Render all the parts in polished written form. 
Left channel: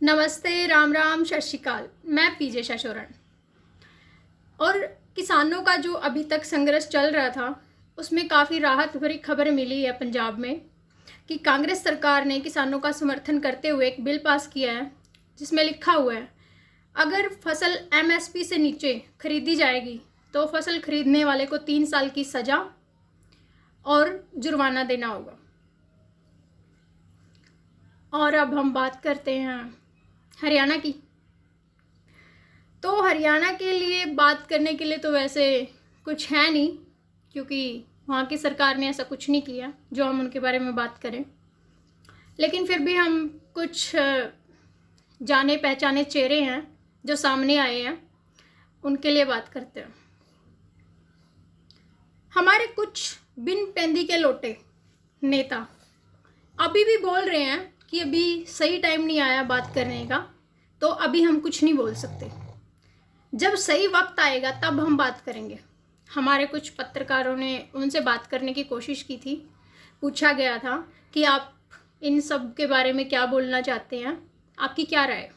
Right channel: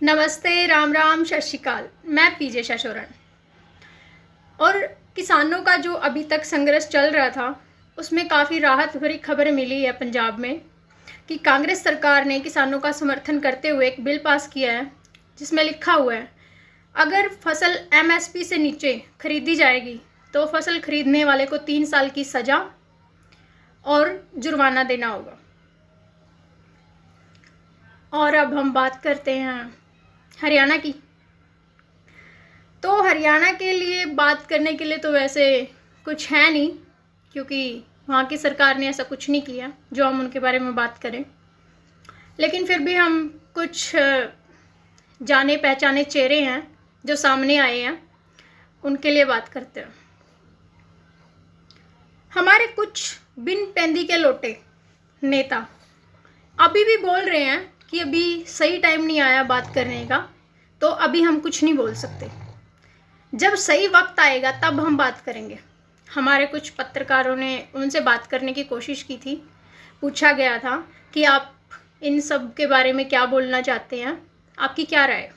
नमस्ते, राम राम, सत श्री अकाल। मैं पीजे शाशोरन। और किसानों का जो अभी तक संघर्ष चल रहा था उसमें काफ़ी राहत भरी खबर मिली है पंजाब में कि कांग्रेस सरकार ने किसानों का समर्थन करते हुए एक बिल पास किया है जिसमें लिखा हुआ है अगर फसल एमएसपी से नीचे खरीदी जाएगी तो फसल खरीदने वाले को 3 साल की सज़ा और जुर्माना देना होगा। और अब हम बात करते हैं हरियाणा की। तो हरियाणा के लिए बात करने के लिए तो वैसे कुछ है नहीं, क्योंकि वहाँ की सरकार ने ऐसा कुछ नहीं किया जो हम उनके बारे में बात करें। लेकिन फिर भी हम कुछ जाने पहचाने चेहरे हैं जो सामने आए हैं, उनके लिए बात करते हैं। हमारे कुछ बिन पेंदी के लोटे नेता अभी भी बोल रहे हैं कि अभी सही टाइम नहीं आया बात करने का, तो अभी हम कुछ नहीं बोल सकते। जब सही वक्त आएगा तब हम बात करेंगे। हमारे कुछ पत्रकारों ने उनसे बात करने की कोशिश की थी। पूछा गया था कि आप इन सब के बारे में क्या बोलना चाहते हैं, आपकी क्या राय है।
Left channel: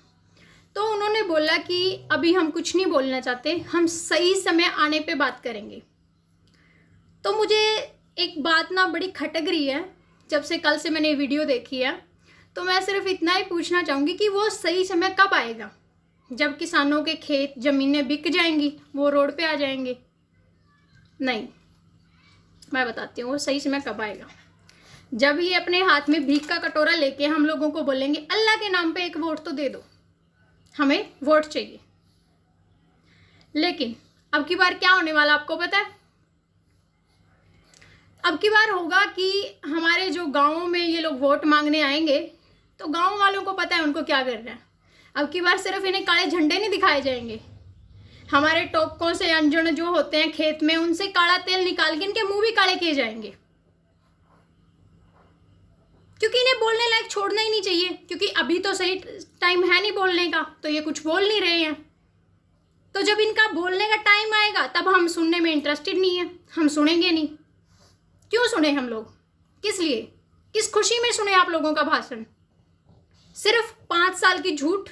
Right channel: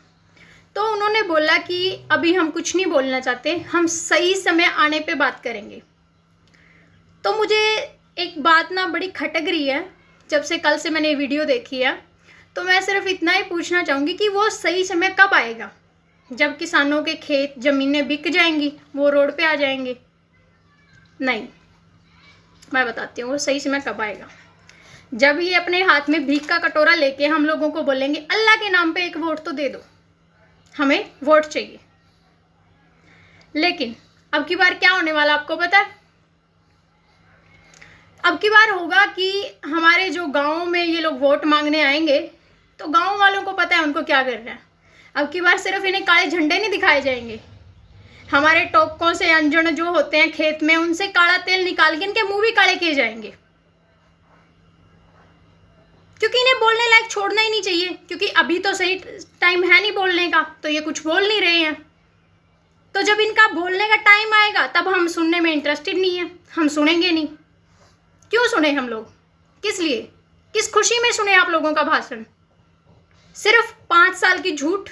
तो उन्होंने बोला कि अभी हम कुछ नहीं बोलना चाहते, हम सही समय आने पे बात करेंगे। तो मुझे एक बात ना बड़ी खटक रही है जब से कल से मैंने वीडियो देखी है। तो मैं सिर्फ इतना ही पूछना चाहूँगी कि वो सही समय कब आएगा, जब किसानों के खेत ज़मीनें बिक जाएंगी, वो रोड पे आ जाएंगे? नहीं, मैं बताती हूँ वो सही समय कब आएगा। जब ये अपने हाथ में भीख का कटोरा लेके हम लोगों को बोलेंगे अल्लाह के नाम पे एक वोट तो दे दो, हमें वोट चाहिए। लेकिन अब की बार क्या होने वाला आपको पता है? अब की बार होगा कि हमारे जो गाँव में ये लोग वोट मांगने आएंगे तो गाँव वालों को पता है उनको क्या करना है। अब की बार सिर्फ इन्हें काले झंडे नहीं दिखाए जाएंगे, हमारे टोपकों से अंजन जो होते हैं खेत में उनसे काला तेल निकाल के इनके मुंह भी काले किए जाएंगे, क्योंकि इन्हें बोलने लायक छोड़ना ही नहीं चाहिए। क्योंकि अभी तो सही टाइम है नहीं बोलने का, तो ये कुछ बोल नहीं रहे हैं। तो जब इनका बोलने का टाइम आएगा तब हम सुनने में इंटरेस्टेड नहीं है, हम सुनेंगे नहीं। क्यों सुने हम लोग? किस लिए, किस खुशी में सुने आप लोगों का भाषण? सिर्फ 5 साल की झूठ।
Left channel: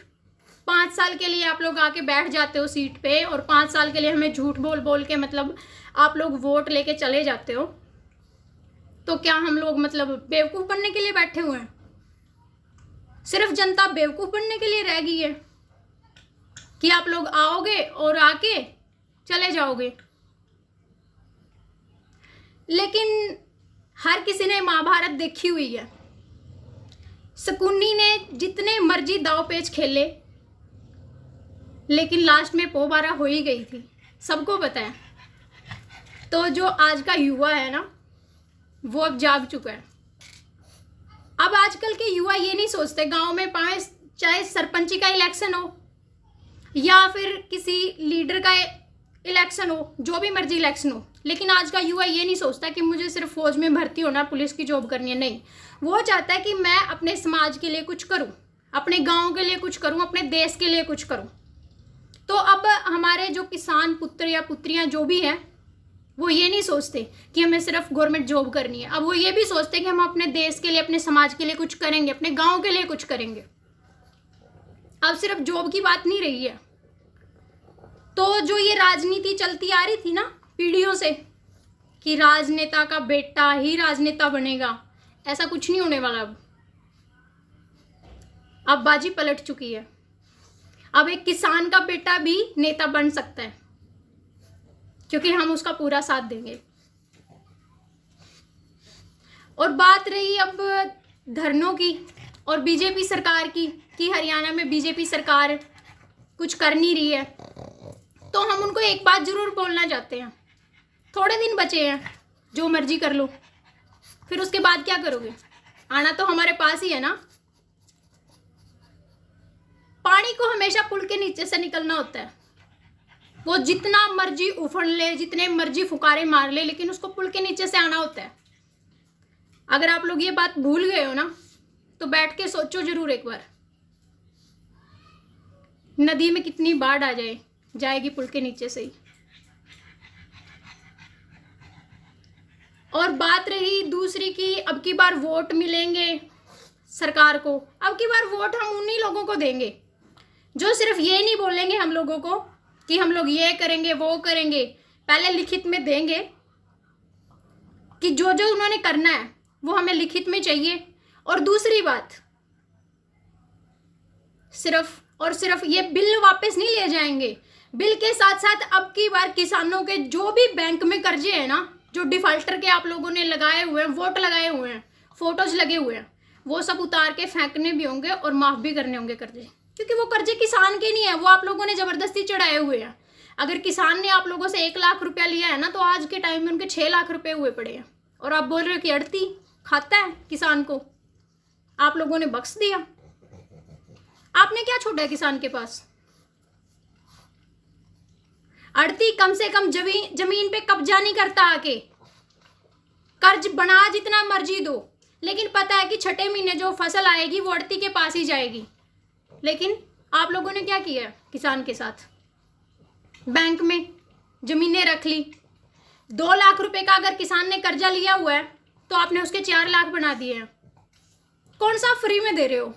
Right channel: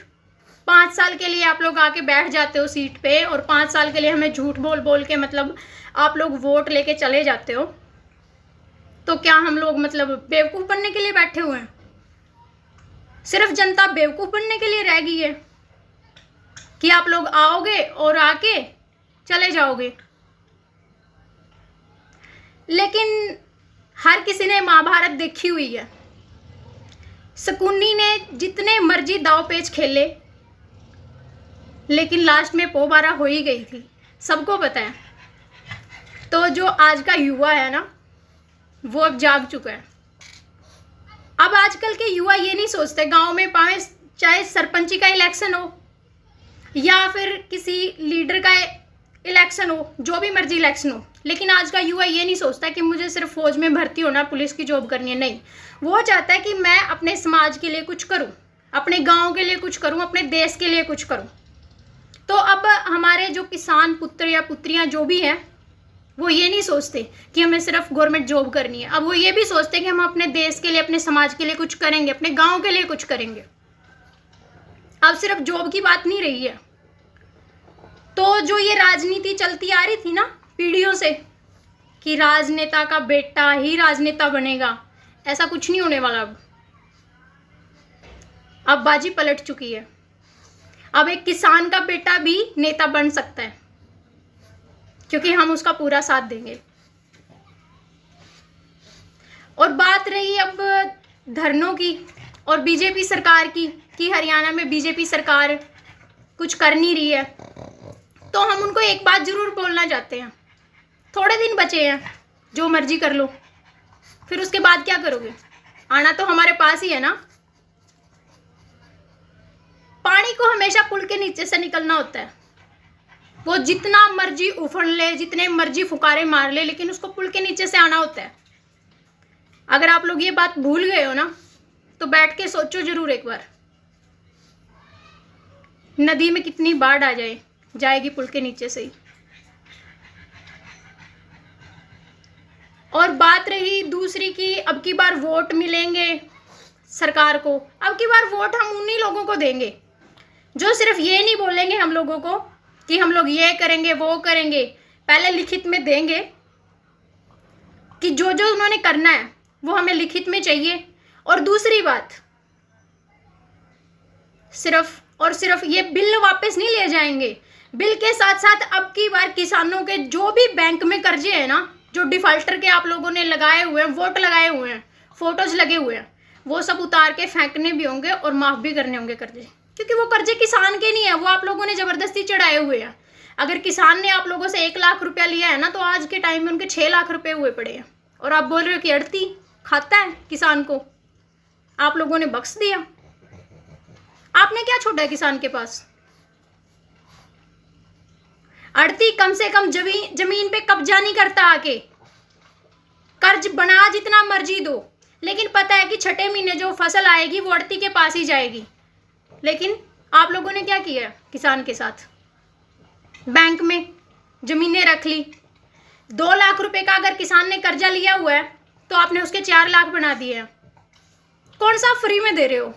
5 साल के लिए आप लोग आके बैठ जाते हो सीट पे और 5 साल के लिए हमें झूठ बोल बोल के मतलब आप लोग वोट लेके चले जाते हो। तो क्या हम लोग मतलब बेवकूफ़ बनने के लिए बैठे हुए हैं? सिर्फ जनता बेवकूफ़ बनने के लिए रह गई है कि आप लोग आओगे और आके चले जाओगे। लेकिन हर किसी ने महाभारत देखी हुई है। शकुनी ने जितने मर्जी दाव पेच खेले, लेकिन लास्ट में पोबारा हो ही गई थी, सबको पता है। तो जो आज का युवा है ना, वो अब जाग चुका है। अब आजकल के युवा ये नहीं सोचते, गांव में पाए चाहे सरपंची का इलेक्शन हो या फिर किसी लीडर का इलेक्शन हो, जो भी मर्जी इलेक्शन हो, लेकिन आज का युवा ये नहीं सोचता कि मुझे सिर्फ फौज में भर्ती होना, पुलिस की जॉब करनी है। नहीं, वो चाहता है कि मैं अपने समाज के लिए कुछ करूं, अपने गांव के लिए कुछ करूं, अपने देश के लिए कुछ करूं। तो अब हमारे जो किसान पुत्र या पुत्रियां जो भी हैं, वो ये नहीं सोचते कि हमें सिर्फ गवर्नमेंट जॉब करनी है। अब वो ये भी सोचते हैं कि हम अपने देश के लिए, अपने समाज के लिए कुछ करेंगे, अपने गाँव के लिए कुछ करेंगे। अब सिर्फ जॉब की बात नहीं रही है। तो जो ये राजनीति चलती आ रही थी ना पीढ़ियों से कि राजनेता का बेटा ही राजनेता बनेगा, ऐसा कुछ नहीं होने वाला। अब बाजी पलट चुकी है। अब एक किसान का बेटा भी नेता बन सकता है, क्योंकि हम उसका पूरा साथ देंगे। और बात रही अब धरनों की और बीजेपी सरकार की कि हरियाणा में बीजेपी सरकार कुछ कर नहीं रही है, तो हम उनको एक बात जरूर बोलना चाहते हैं। थोड़े दिन बचे हैं, जो मर्जी कर लो, फिर उसके बाद क्या करोगे? आना तो हमारे पास ही है ना। पानी को हमेशा पुल के नीचे से निकलना होता है। वो जितना मर्जी उफड़ ले, जितने मर्जी फुकारे मार ले, लेकिन उसको पुल के नीचे से आना होता है। अगर आप लोग ये बात भूल गए हो ना, तो बैठ के सोचो जरूर एक बार। नदी में कितनी बाढ़ आ जाएगी पुल के नीचे से ही। और बात रही दूसरी की अब की बार वोट मिलेंगे, सरकार को। अब की बार वोट हम उन्हीं लोगों को देंगे जो सिर्फ ये नहीं बोलेंगे हम लोगों को कि हम लोग ये करेंगे वो करेंगे, पहले लिखित में देंगे कि जो जो उन्होंने करना है वो हमें लिखित में चाहिए। और दूसरी बात, सिर्फ और सिर्फ ये बिल वापस नहीं ले जाएंगे, बिल के साथ साथ अब की बार किसानों के जो भी बैंक में कर्जे हैं ना, जो डिफॉल्टर के आप लोगों ने लगाए हुए हैं, वोट लगाए हुए हैं, फोटोज लगे हुए हैं, वो सब उतार के फेंकने भी होंगे और माफ़ भी करने होंगे कर्जे, क्योंकि वो कर्जे किसान के नहीं है, वो आप लोगों ने ज़बरदस्ती चढ़ाए हुए हैं। अगर किसान ने आप लोगों से 1 लाख रुपया लिया है ना, तो आज के टाइम में उनके 6 लाख रुपये हुए पड़े हैं, और आप बोल रहे हो कि अड़ती खाता है किसान को, आप लोगों ने बख्श दिया। आपने क्या छोड़ा है किसान के पास? अड़ती कम से कम जमीन पे कब्जा नहीं करता, आके कर्ज बना जितना मर्जी दो, लेकिन पता है कि छठे महीने जो फसल आएगी वो अड़ती के पास ही जाएगी। लेकिन आप लोगों ने क्या किया किसान के साथ? बैंक में जमीनें रख ली। 2 लाख रुपए का अगर किसान ने कर्जा लिया हुआ है तो आपने उसके 4 लाख बना दिए हैं। कौन सा फ्री में दे रहे हो?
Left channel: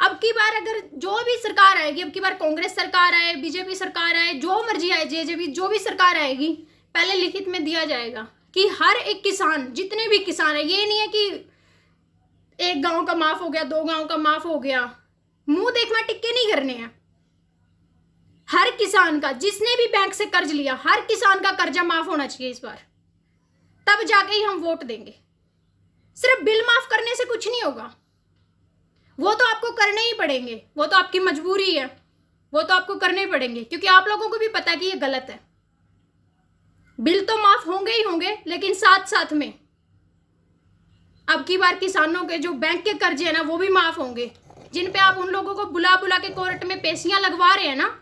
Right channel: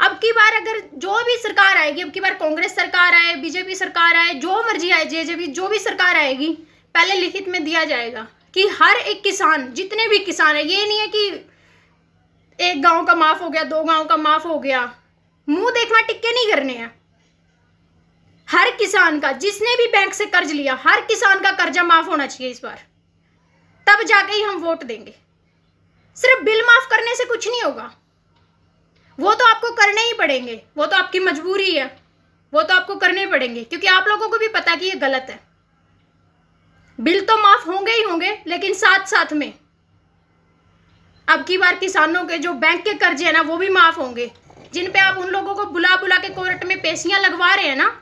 अब की बार अगर जो भी सरकार आएगी, अब की बार कांग्रेस सरकार आए, बीजेपी सरकार आए, जो मर्जी आए, जेजेपी जो भी सरकार आएगी, पहले लिखित में दिया जाएगा कि हर एक किसान, जितने भी किसान है, ये नहीं है कि एक गांव का माफ हो गया, 2 गांव का माफ हो गया, मुंह देखना टिक्के नहीं करने हैं। हर किसान का, जिसने भी बैंक से कर्ज लिया, हर किसान का कर्जा माफ होना चाहिए इस बार, तब जाके ही हम वोट देंगे। सिर्फ बिल माफ करने से कुछ नहीं होगा, वो तो आपको करने ही पड़ेंगे, वो तो आपकी मजबूरी है, वो तो आपको करने पड़ेंगे, क्योंकि आप लोगों को भी पता है कि ये गलत है। बिल तो माफ होंगे ही होंगे, लेकिन साथ साथ में अब की बार किसानों के जो बैंक के कर्जे हैं ना, वो भी माफ होंगे, जिन पे आप उन लोगों को बुला बुला के कोर्ट में पेशियां लगवा रहे हैं ना,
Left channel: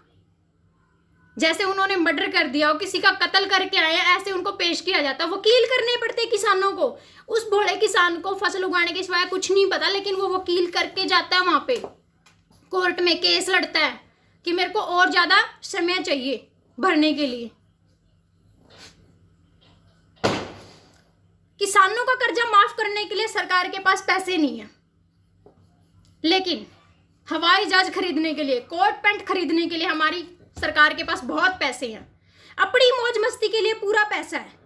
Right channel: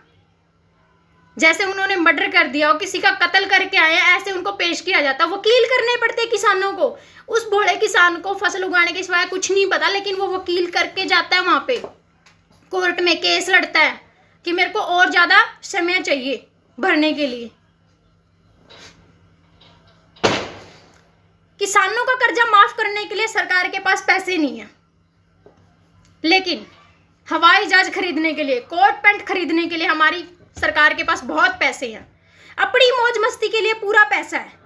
जैसे उन्होंने मर्डर कर दिया और किसी का कत्ल करके आए हैं, ऐसे उनको पेश किया जाता। वकील करने पड़ते किसानों को। उस भोले किसान को फसल उगाने के सिवाय कुछ नहीं पता, लेकिन वो वकील करके जाता है वहां पे कोर्ट में, केस लड़ता है कि मेरे को और ज्यादा समय चाहिए भरने के लिए। किसानों का कर्जा माफ करने के लिए सरकार के पास पैसे नहीं है, लेकिन हवाई जहाज खरीदने के लिए, कोट पैंट खरीदने के लिए हमारी सरकार के पास बहुत पैसे हैं। अपनी मौज मस्ती के लिए पूरा पैसा है,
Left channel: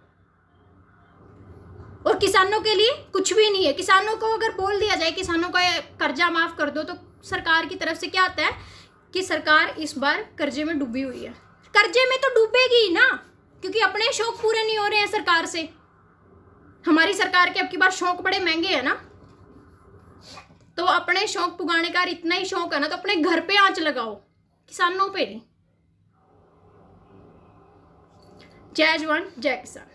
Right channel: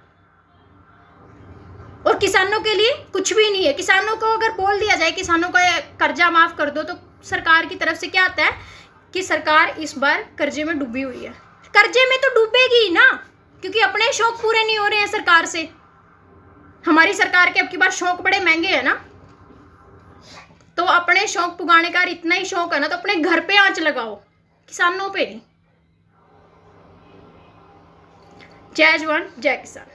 और किसानों के लिए कुछ भी नहीं है। किसानों को अगर बोल दिया जाए किसानों का कर्जा माफ कर दो, तो सरकार की तरफ से क्या आता है कि सरकार इस बार कर्जे में डूबी हुई है। कर्जे में तो डूबेगी ही ना, क्योंकि अपने शौक पूरे नहीं हो रहे हैं सरकार से। हमारी सरकार के अब की बार शौक बड़े महंगे हैं ना, तो अपने शौक पुगाने का इतना ही शौक है ना, तो अपने घर पे आंच लगाओ, किसानों पे नहीं। जय जवान जय किसान।